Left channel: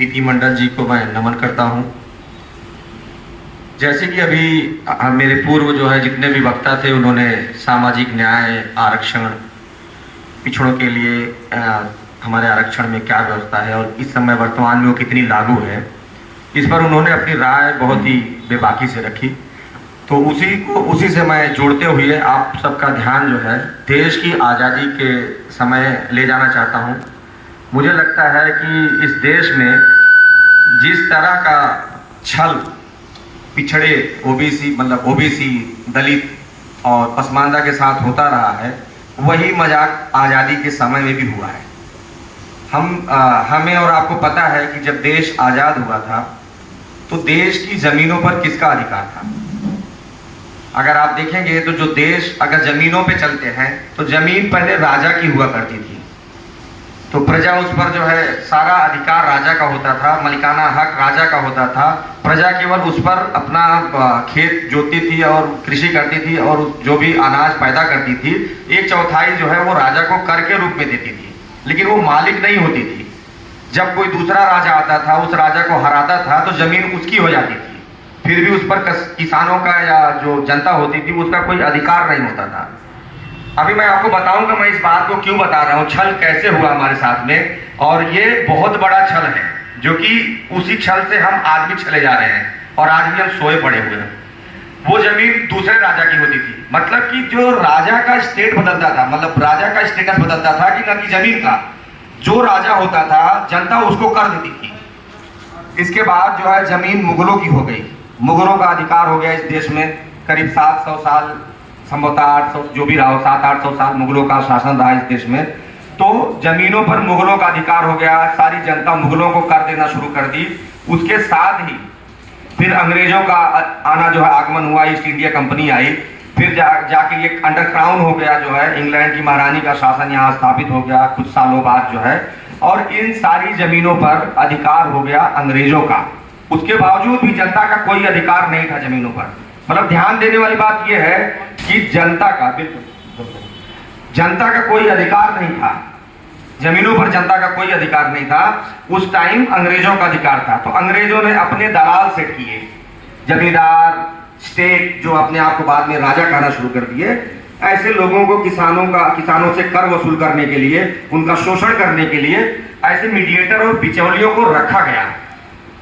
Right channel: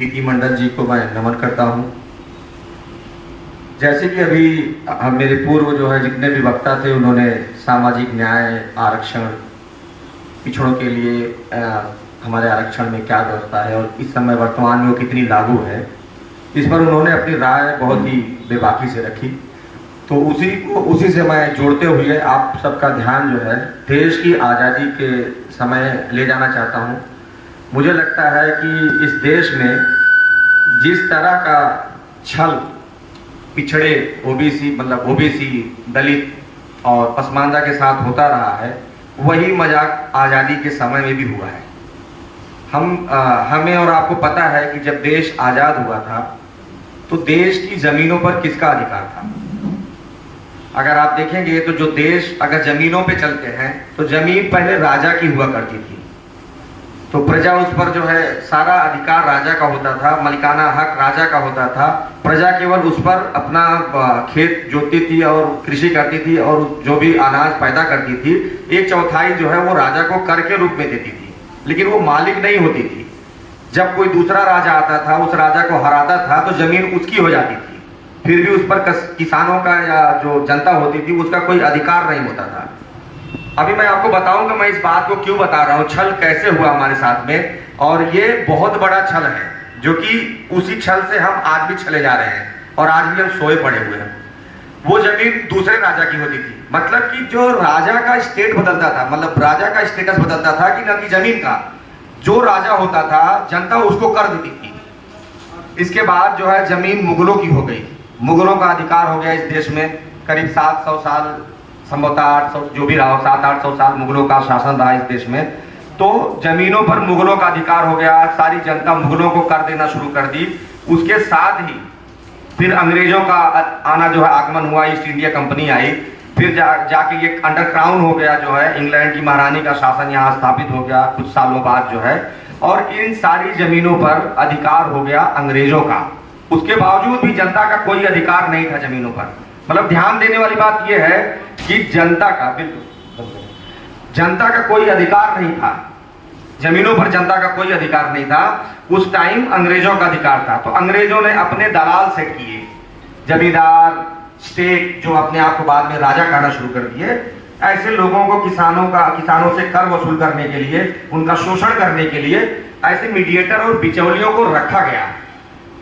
पीती मंडल जी को मैं नमन करता हूं। जैसे कि अभी मेरे पूर्व जो है जितने भी वक्ता थे उन्होंने सामाजिक न्याय, आरक्षण, पिछड़ों के लिए हमारे आरक्षण में क्या व्यवस्था है और इस समय वर्तमान में वो कितनी लागू है, इस पर उन्होंने अपनी राय बहुत ही बेबाकी से रखी। तो उसी से मैं जोड़ते हुए आप सबका ध्यान जो है देश की आज़ादी के समय ले जाना चाहता हूं। मुझे लगता है कि इस देश में जिस तरह का छल पिछड़े ओबीसी, दलित और पसमानदा के साथ होता रहा है, वही मजाक आज़ादी के समय में भी हुआ है। हमें और आपको पता है कि जब देश आज़ाद हुआ था तो देश की ज़मीनों पर किसका अधिकार था। अगर आप देखेंगे तो जो देश अगर ज़मीनों पे चलते हैं तो ज़मीन पहले राजा की हुआ करती थी, तो प्रजा उस पर जो है सारा अधिकार राजा का होता था, मलिकाना हक राजा का होता था। प्रजा केवल उस पर अपना खेत जोतती थी और कृषि करती थी और जो भी अनाज पैदा करती थी 1/4 जो है वो राजा को कर के रूप में देती थी, लेकिन वो मालिक नहीं होती थी। जब कोई दूसरा राजा आता था, उस राजा को हराता था तो जमीन उसकी हो जाती थी, फिर भी उस पर किसानों का या जो जनता होती थी उसका कोई अधिकार नहीं होता था। अभी मैं आपको बताऊंगा मैं इस बात को क्यों बता रहा हूं, छल कैसे हुआ हमारे साथ में, और ये बहुत बड़ा छल है जो कि उसी छल से हम आज भी छले जा रहे हैं और आज भी हम सोए पड़े हुए हैं। वो जमीन दूसरे राजा की होती थी, मतलब कि जो राजा का स्टेट बदलता था, मतलब राजा का स्टेटस बदलता था कि न कि जमीन का। जो राजा होता था जनता उसको कर देती थी। इसके बाद जो है जमीन मुगलों की हो गई, मुगलों का अधिकार हो गया इस देश में। करीब 700 साल, संभवतः 800 जो भी रहा, 700-800 साल मुगलों का शासन रहा इस देश में। तो जमीनों पर मुगलों का अधिकार हो गया, सारी जनता मुगलों को कर देना शुरू कर दी। उसके साथ ही फिर अंग्रेजों का आना जो है आगमन हुआ, ईस्ट इंडिया कंपनी आई, फिर जाके ये अंडरक्राउन हो गया जो है, इंग्लैंड की महारानी का शासन यहाँ स्थापित हो गया कुछ सालों बाद जो है, और इन सारी जमीनों पर अधिकार हो गया अंग्रेजों का। उसके बावजूद भी जनता का कोई अधिकार नहीं था जमीनों पर। मतलब ध्यान देने वाली बात यह है कि जनता का कोई अधिकार नहीं था जमीनों पर, जनता का कोई अधिकार नहीं था। उस टाइम अंग्रेजों का अधिकार था। तो अंग्रेजों ने अपने दलाल सेट किए, जमींदार, स्टेट, जो अपने आप को बाद में राजा कहना शुरू कर दिए। ऐसे लोगों को किसानों से कर वसूल करने के लिए, उनका शोषण करने के लिए ऐसे मीडिएटर और बिचौलियों को रखा गया।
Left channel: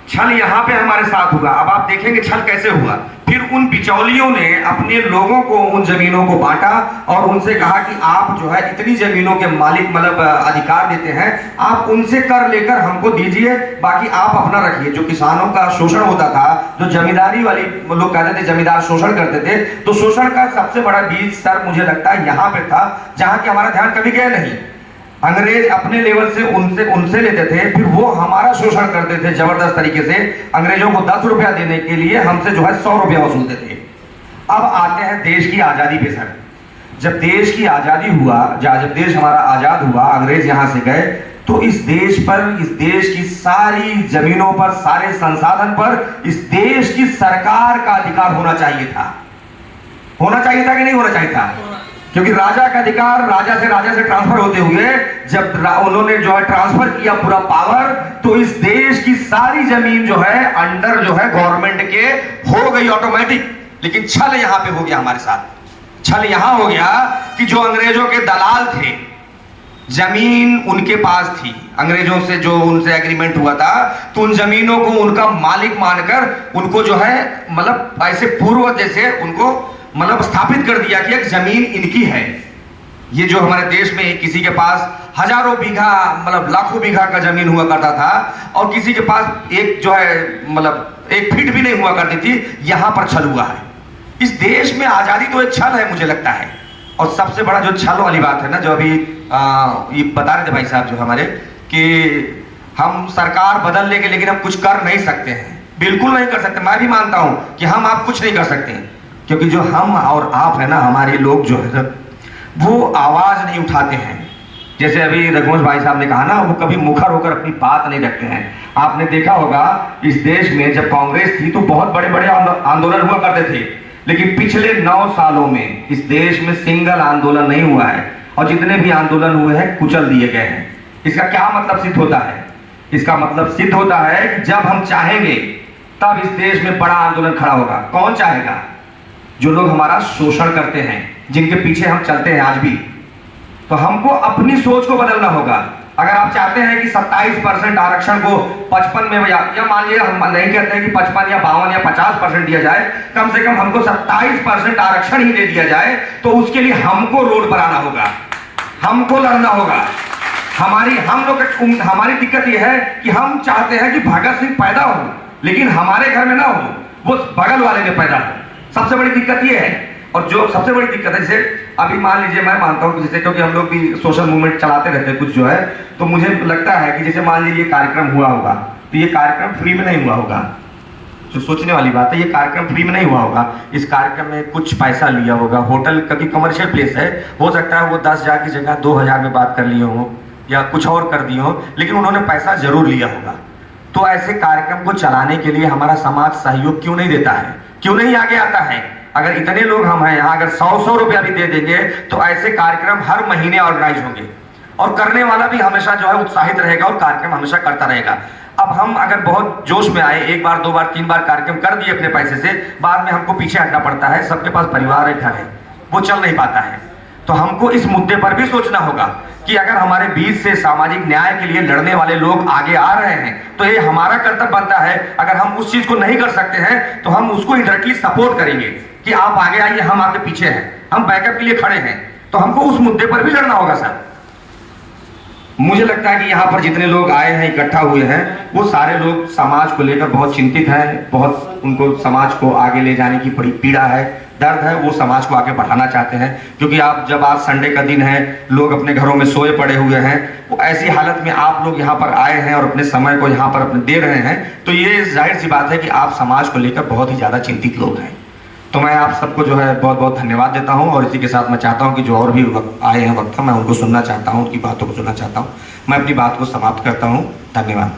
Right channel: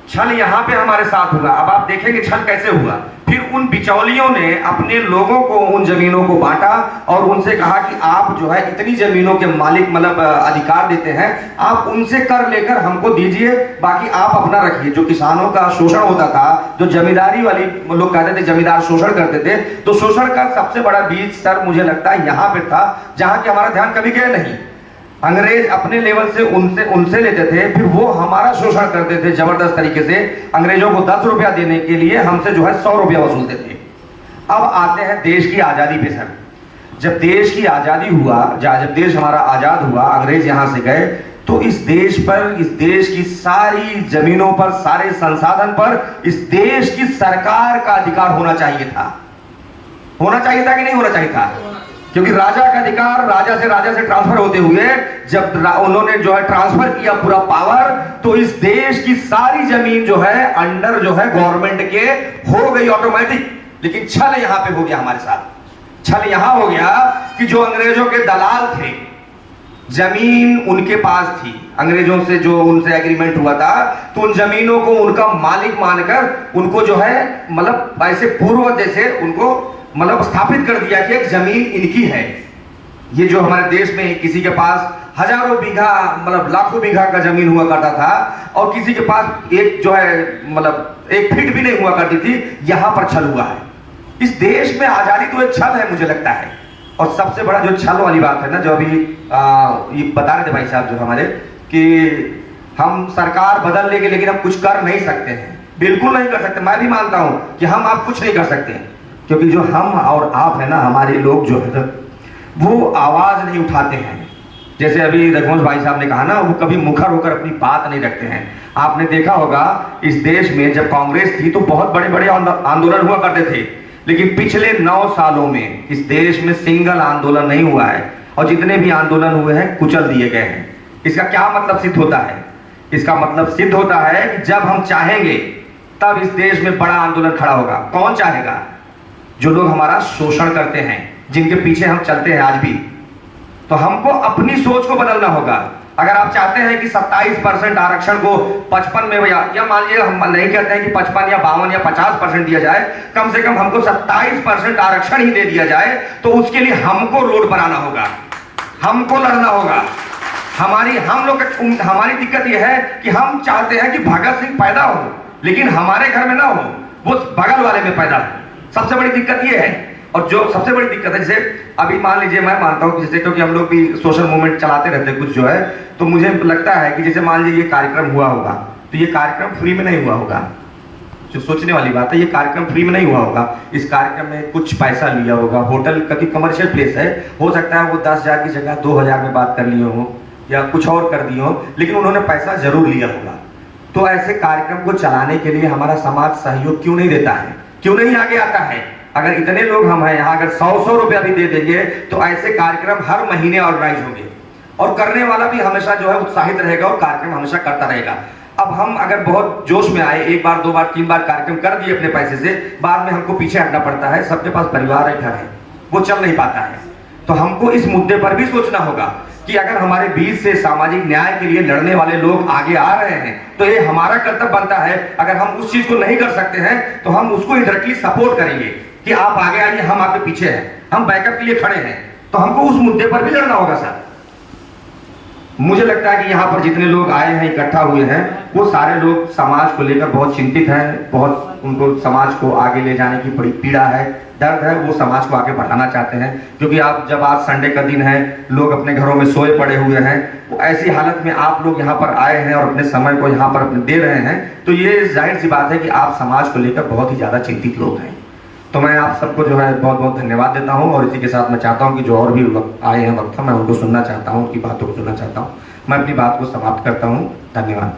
छल यहाँ पे हमारे साथ हुआ। अब आप देखेंगे छल कैसे हुआ। फिर उन बिचौलियों ने अपने लोगों को उन जमीनों को बांटा और उनसे कहा कि आप जो है इतनी जमीनों के मालिक, मतलब अधिकार देते हैं, आप उनसे कर लेकर हमको दीजिए, बाकी आप अपना रखिए। जो किसानों का शोषण होता था, जो जमींदारी वाली लोग कहते थे जमींदार शोषण करते थे, तो शोषण का सबसे बड़ा बीज सर मुझे लगता है यहाँ पे था, जहाँ की हमारा ध्यान कभी गया नहीं। अंग्रेज अपने लेवल से उनसे लेते थे, फिर वो हमारा शोषण करते थे जबरदस्त तरीके से। अंग्रेजों को 10 रुपया देने के लिए हमसे जो है 100 रुपया वसूलते थे। अब आते हैं देश की आजादी पे सर। जब देश की आजादी हुआ, जब देश हमारा आजाद हुआ, अंग्रेज यहां से गए, तो इस देश पर, इस देश की सारी जमीनों पर, सारे संसाधन पर इस देश की सरकार का अधिकार होना चाहिए था। होना चाहिए था कि नहीं होना चाहिए था? क्योंकि राजा का अधिकार राजा से ट्रांसफर होते हुए जब उन्होंने जो है ट्रांसफर किया पूरा पावर, तो इस देश की सारी जमीन जो है अंडर जो है गवर्नमेंट के हो गई ऑटोमेटिक। लेकिन छल यहां पे हो गया हमारे साथ। छल यहां हो गया कि जो अंग्रेजों के दलाल थे, जमीन उनके पास थी, अंग्रेजों से जो उनसे एग्रीमेंट हुआ था, तो उन जमीनों को उनका मालिक मानकर उनको जो है मतलब ऐसे पूर्व जैसे उनको मतलब स्थापित कर दिया कि एक जमीन इनकी है। ये जो हमारे देश में किसी के पास हजारों बीघा, मतलब लाखों बीघा का जमीन हुआ करता था, और किसी के पास एक जो है मतलब 1 फीट भी नहीं हुआ करती थी, यहां पर छल हुआ है। इस देश में आजादी तो एक छल है मुझे लगता है। और सबसे बड़ा जो छल वाली बात है ना, जो अभी ये बता रहे थे भाई साहब जो हमारे, कि हम सरकार बदल लेंगे लेकिन हम कुछ कर नहीं सकते हैं। बिल्कुल नहीं कर सकते। मैं भी मानता हूं कि हम आप कुछ नहीं कर सकते हैं, क्योंकि जो हम और आप है ना, हमारे लोग जो है वो आवाज नहीं उठाते हैं। जैसे अभी रघुवंश भाई साहब ने कहा ना, वो कभी मुखर होकर अपनी बात नहीं रखते हैं। आपने देखा होगा इस देश में जब कांग्रेस थी तो बहुत बड़े बड़े आंदोलन हुआ करते थे, लेकिन पिछले 9 सालों में इस देश में सिंगल आंदोलन नहीं हुआ है, और जितने भी आंदोलन हुए हैं कुचल दिए गए हैं। इसका क्या मतलब सिद्ध होता है इसका मतलब सिद्ध होता है कि जब हम चाहेंगे तब इस देश में बड़ा आंदोलन खड़ा होगा। कौन चाहेगा? जो लोग हमारा शोषण करते हैं, जिनके पीछे हम चलते हैं आज भी। तो हमको अपनी सोच को बदलना होगा। अगर आप चाहते हैं कि 27% आरक्षण को 55 में या मान लीजिए, हम नहीं कहते हैं कि 55 या 52 या 50% दिया जाए, कम से कम हमको 27% आरक्षण ही दे दिया जाए, तो उसके लिए हमको रोड बनाना होगा, हमको लड़ना होगा। हमारी दिक्कत यह है कि हम चाहते हैं कि भगत सिंह पैदा हो, लेकिन हमारे घर में ना हो, वो बगल वाले में पैदा हो। सबसे बड़ी दिक्कत यह है। और जो सबसे बड़ी दिक्कत है, जैसे अभी मान लीजिए, मैं मानता हूँ कि जैसे, क्योंकि हम लोग भी सोशल मूवमेंट चलाते रहते हैं कुछ जो है, तो मुझे लगता है कि जैसे मान लीजिए ये कार्यक्रम हुआ होगा, तो ये कार्यक्रम फ्री में नहीं हुआ होगा। जो सोचने वाली बात है, ये कार्यक्रम फ्री में नहीं हुआ होगा। इस कार्यक्रम में कुछ पैसा लिया होगा। होटल क्योंकि कमर्शियल प्लेस है, हो सकता है वो 10,000 की जगह 2,000 में बात कर लिए हो या कुछ और कर दिए हो, लेकिन उन्होंने पैसा जरूर लिया होगा। तो ऐसे कार्यक्रम को चलाने के लिए हमारा समाज सहयोग क्यों नहीं देता है, क्यों नहीं आगे आता है? अगर इतने लोग हम हैं यहाँ, अगर 100 रुपया भी दे देंगे तो ऐसे कार्यक्रम हर महीने ऑर्गेनाइज होंगे, और करने वाला भी हमेशा जो है उत्साहित रहेगा और कार्यक्रम हमेशा करता रहेगा। अब हम अगर बहुत जोश में आए, एक बार 2 बार 3 बार कार्यक्रम कर दिए अपने पैसे से, बाद में हमको पीछे हटना पड़ता है। सबके पास परिवार है, घर है, वो चल नहीं पाता है। तो हमको इस मुद्दे पर भी सोचना होगा कि अगर हमारे बीच से सामाजिक न्याय के लिए लड़ने वाले लोग आगे आ रहे हैं, तो ये हमारा कर्तव्य बनता है। अगर हम उस चीज को नहीं कर सकते हैं तो हम उसको डायरेक्टली सपोर्ट करेंगे कि आप आगे आइए, हम आपके पीछे हैं, हम बैकअप के लिए खड़े हैं। तो हमको उस मुद्दे पर भी लड़ना होगा सर। मुझे लगता है कि यहाँ पर जितने लोग आए हैं, इकट्ठा हुए हैं, वो सारे लोग समाज को लेकर बहुत चिंतित हैं। बहुत उनको समाज को आगे ले जाने की बड़ी पीड़ा है, दर्द है। वो समाज को आगे बढ़ाना चाहते हैं, क्योंकि जब आज संडे का दिन है, लोग अपने घरों में सोए पड़े हुए हैं, वो ऐसी हालत में आप लोग यहाँ पर आए हैं और अपने समय को यहाँ पर अपने दे रहे हैं, तो ये जाहिर सी बात है कि आप समाज को लेकर बहुत ही ज्यादा चिंतित लोग हैं। तो मैं आप सबको जो है बहुत बहुत धन्यवाद देता हूं, और इसी के साथ मैं चाहता हूं कि जो और भी आए हैं वक्ता, मैं उनको सुनना चाहता हूं, उनकी बातों को सुनना चाहता हूं। मैं अपनी बात को समाप्त करता हूं। धन्यवाद।